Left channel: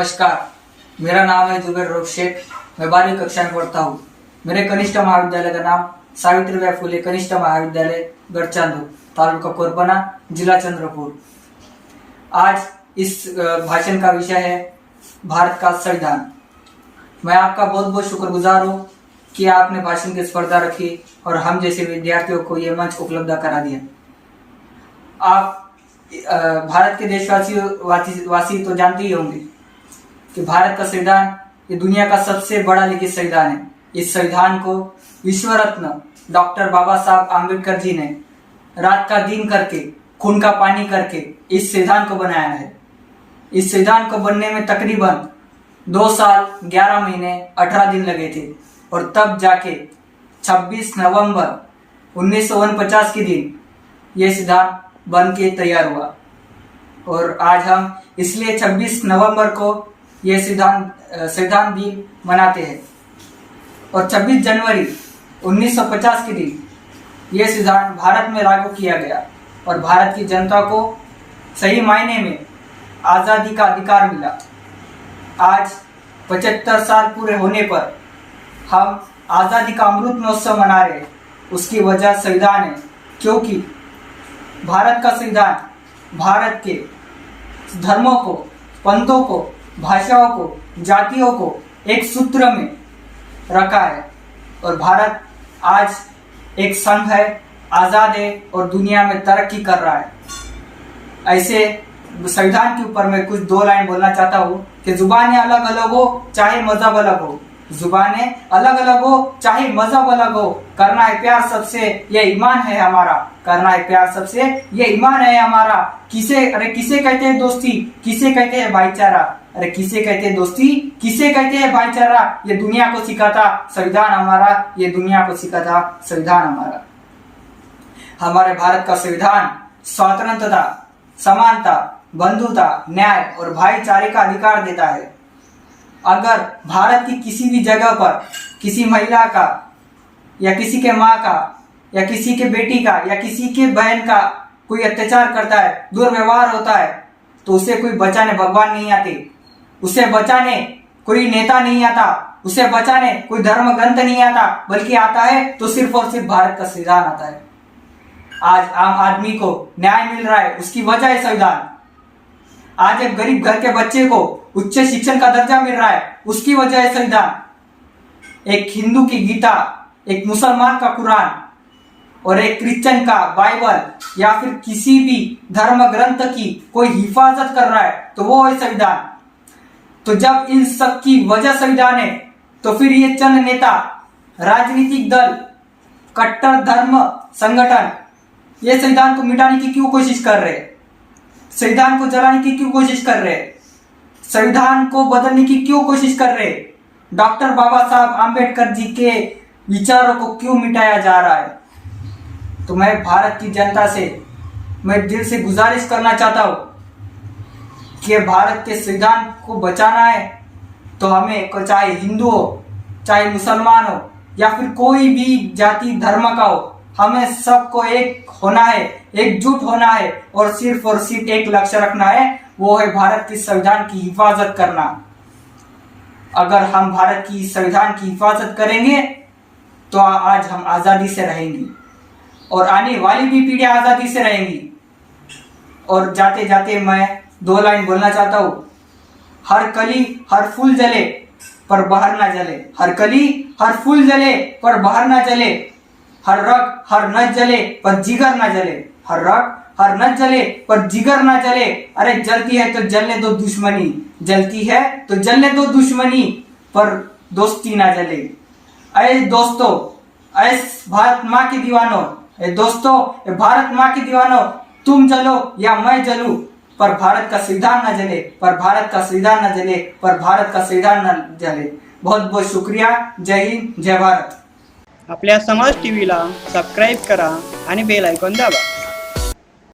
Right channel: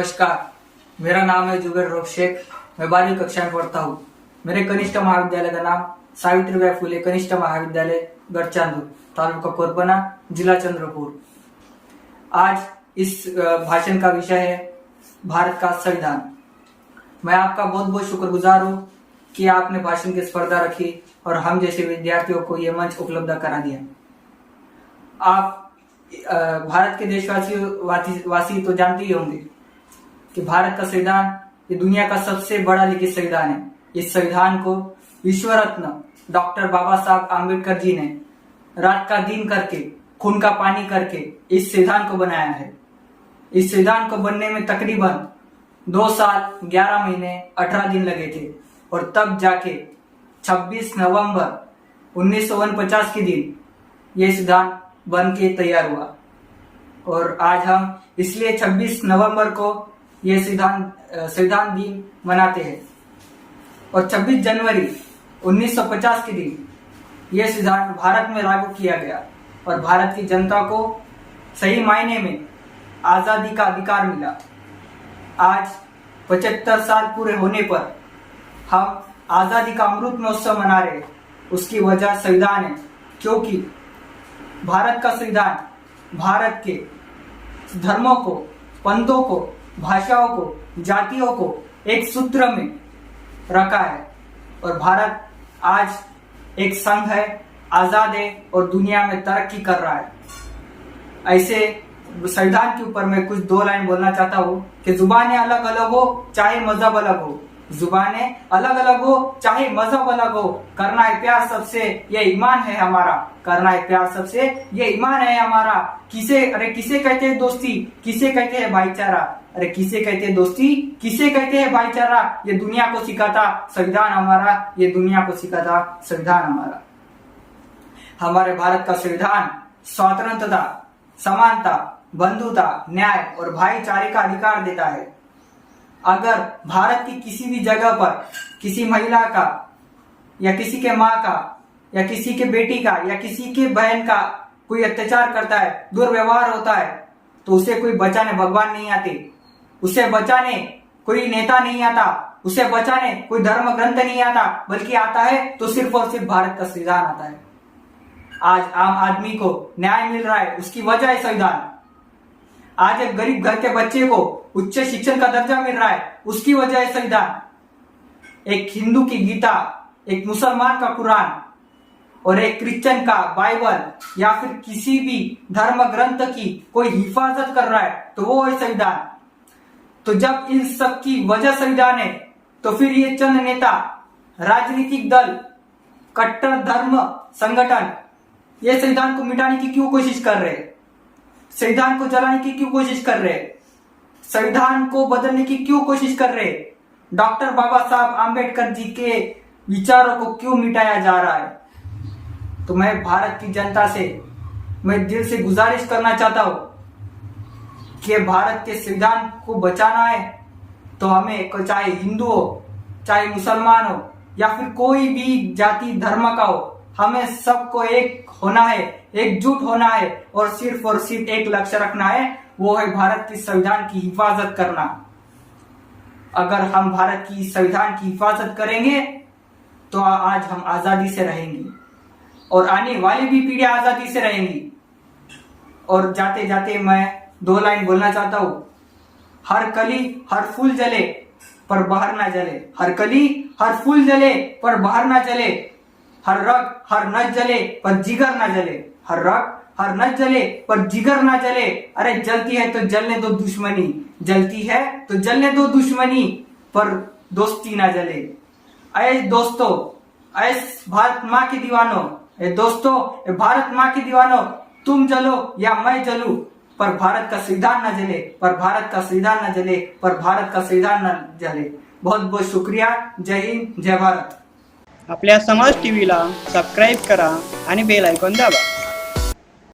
नमस्कार, मेरा नाम है जुबेर रोक शेख। मैं 12वीं कक्षा में पढ़ता हूँ। मेरे कनिष्ठ महाविद्यालय का नाम सावित्रीबाई फुले कनिष्ठ महाविद्यालय गढ़चांदू, तालुका कोरबना, जिला चंद्रपुर। आज इस भाषण का विषय है भारत का संविधान। मैं आपका बहुत बहुत शुक्रगुजार हूँ कि आपने भाषण की स्पर्धा रखी और हम जैसे विद्यार्थियों को ये मंच उपलब्ध करा दिया। आप भारत के देशवासी तो जानते ही होंगे कि भारत का संविधान ये दुनिया का सबसे बड़ा लिखित संविधान है। इस संविधान को विश्व रत्न डॉक्टर बाबा साहब आम्बेडकर जी ने रात का दिन करके, खून का पानी करके इस संविधान को बनाया है। इस संविधान को बनने में तकरीबन 2 साल 11 महीने 18 दिन लगे थे और तब जाके 26 नवंबर 1949 के दिन ये संविधान बन के तैयार हुआ। और आज हम इसलिए 26 नवंबर को ये संविधान दिन मनाते हैं और 26 जनवरी 1950 के दिन ये संविधान भारत में लागू किया गया और भारत की जनता को सही मायने में आज़ादी का अधिकार मिला। आज 75 साल पूरे होने पर हम आज़ादी का अमृत महोत्सव मना रहे हैं। उसकी वजह संविधान है, क्योंकि भारत का संविधान भारत के धर्मों को, पंथों को, भाषाओं को, जातियों को एक सूत्र में रखा है और भारत आज एक संघ है, आज़ाद है और दुनिया में तरक्की कर रहा है। ऐसे संविधान के ऊपर मैं कुछ 2 लाइन बोलना चाहता हूँ कि जुबानें अलग अलग हो चाहे मजहब अलग हो, जुबानें अलग अलग हो चाहे मजहब अलग हो, करना है प्यार सबसे ये ईमान है हमारा, करना है प्यार सबसे ये ईमान है हमारा। किसे कहते हैं दोस्ती, किसे कहते हैं भाईचारा, अरे किसे कहते हैं दोस्ती, किसे कहते हैं भाईचारा, ये दुनिया को सिखाता संविधान हमारा, ये दुनिया को सिखाता संविधान हमारा। हमारे भारत का संविधान स्वतंत्रता, समानता, बंधुता, न्याय और भाईचारे का अधिकार देता है। अगर भारत की किसी भी जगह पर किसी महिला का या किसी के माँ का या किसी के बेटी का या किसी के बहन का कोई अत्याचार करता है, दुर्व्यवहार होता है, तो उसे कोई बचाने भगवान नहीं आते, उसे बचाने कोई नेता नहीं आता, उसे बचाने कोई धर्म ग्रंथ नहीं आता, बल्कि आता है तो सिर्फ और सिर्फ भारत का संविधान आता है। आज आम आदमी को न्याय मिल रहा है, उसकी वजह है संविधान। आज एक गरीब घर के बच्चे को उच्च शिक्षण का दर्जा मिल रहा है, उसकी वजह है संविधान। एक हिंदू की गीता, एक मुसलमान का कुरान और एक क्रिश्चियन का बाइबल या फिर किसी भी धर्म ग्रंथ की कोई हिफाजत कर रहा है तो वो है संविधान। तो जब इन सब की वजह संविधान है, तो फिर ये चंद नेता, राजनीतिक दल, कट्टर धर्म संगठन ये संविधान को मिटाने की क्यों कोशिश कर रहे हैं, संविधान को जलाने की क्यों कोशिश कर रहे हैं, संविधान को बदलने की क्यों कोशिश कर रहे हैं, डॉक्टर बाबा साहब आम्बेडकर जी के विचारों को क्यों मिटाया जा रहा है। तो मैं भारत की जनता से मैं दिल से गुजारिश करना चाहता हूं कि भारत के संविधान को बचाना है तो हमें, चाहे हिंदू हो, चाहे मुसलमान हो या फिर कोई भी जाति धर्म का हो, हमें सबको एक होना है, एकजुट होना है और सिर्फ एक लक्ष्य रखना है, वो है भारत की संविधान की हिफाजत करना। अगर हम भारत की संविधान की हिफाजत करेंगे तो आज हम आजादी से रहेंगे और आने वाली भी पीढ़ियां आजादी से रहेंगी। और जाते जाते मैं 2 लाइन बोलना चाहता हूं। हर कली हर फूल जले पर बाहर ना जले, हर कली हर फूल जले पर बाहर ना जले, हर रग हर नच जले पर जिगर ना जले, हर रग हर नच जले पर जिगर ना जले। अरे जलती है तो जलने दो दुश्मनी, जलती है तो जलने दो दुश्मनी, पर दोस्ती ना जले। ऐ दोस्तों, ऐ भारत माँ के दीवानों, ऐ दोस्तों, भारत माँ के दीवानों, तुम जलो या मैं जलूं, पर भारत का संविधान न जले, पर भारत का संविधान न जले, पर भारत का संविधान न जले। बहुत बहुत शुक्रिया। जय हिंद, जय भारत। आपल्या समाज टीव्हीला सबस्क्राईब करा आणि बेल आयकॉन दाबा।